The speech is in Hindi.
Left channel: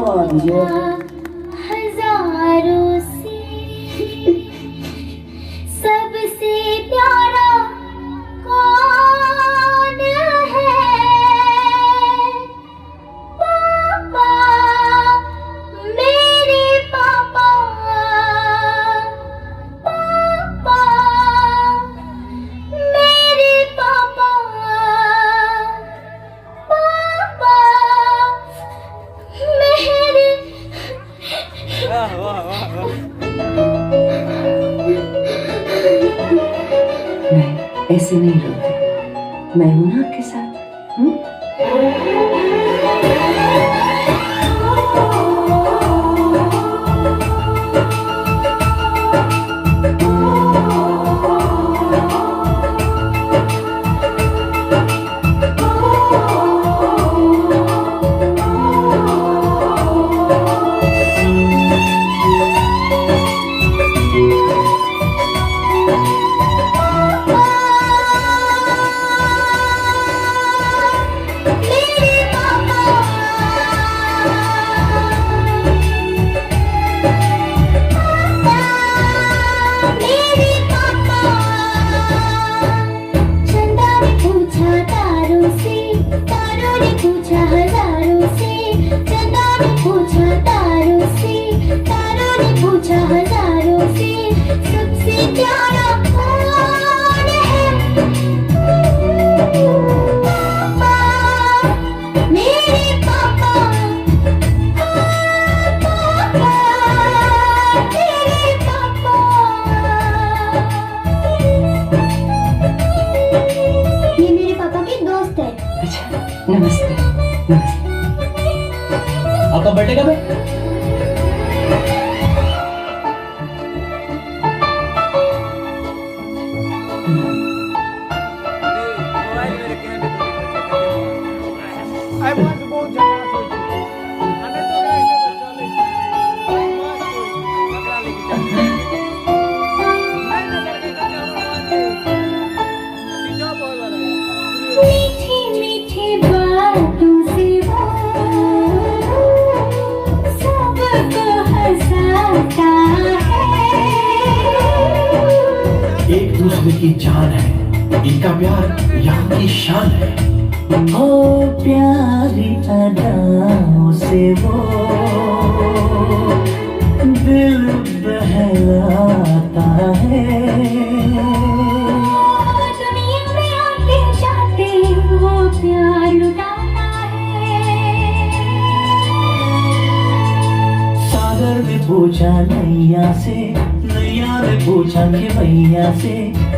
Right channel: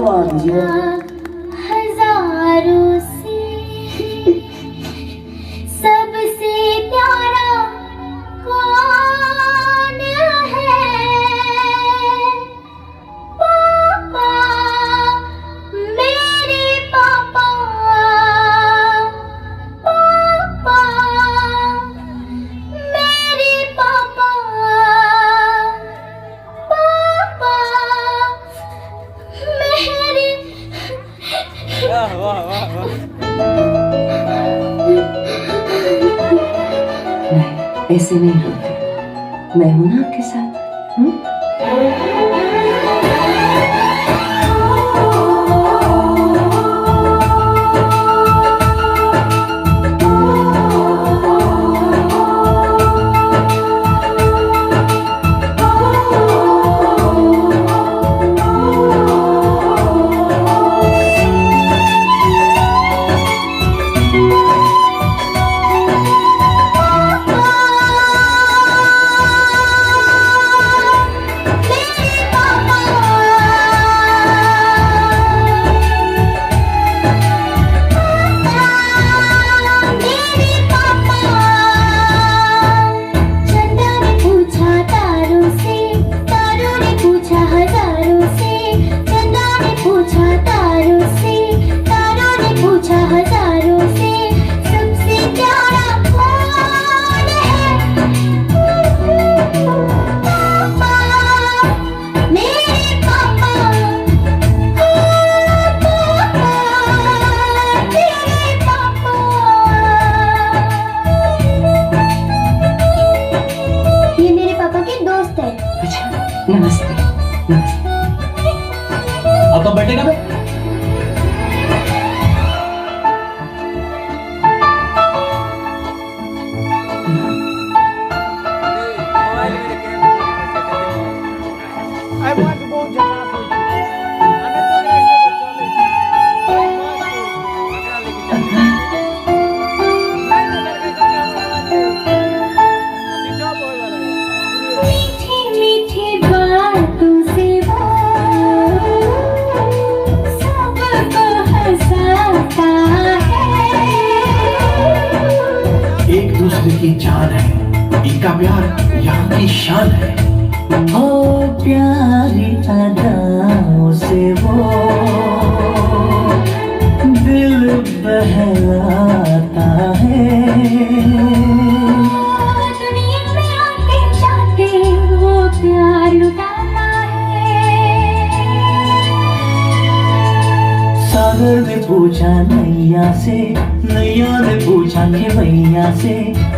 बात है। हजारों से सबसे प्यारा कौन है? पापा, मेरे पापा, पापा, मेरे पापा, पापा, मेरे। वाह वाह वाह वाह। नहीं, ऐसे नहीं रोते। मैं हूं ना आपके साथ। हजारों से सबसे प्यारा कौन है? पापा, मेरे पापा, पापा, मेरे पापा। ये मेरे पापा के दोस्त है। अच्छा, नमस्ते। नमस्ते। आपका बर्थडे कब है? I want to go to Jakarta. Anak tu orang itu cakap, "Mas, agak lagi jalan." Lain ada kerja kamu ada. Sijau boy वाला है. मीठी मीठी बातों से वो सबको हंसाता है। एक दूसरे की जान है, इनका प्यार यहाँ की शान है। ओ प्यारी अदाओं से वो दिल बहलाता है। दुनिया में आते जाते वो प्यार लुटाता है। सागर ने पूछा नैया से, नैया ने पूछा कि मैया से।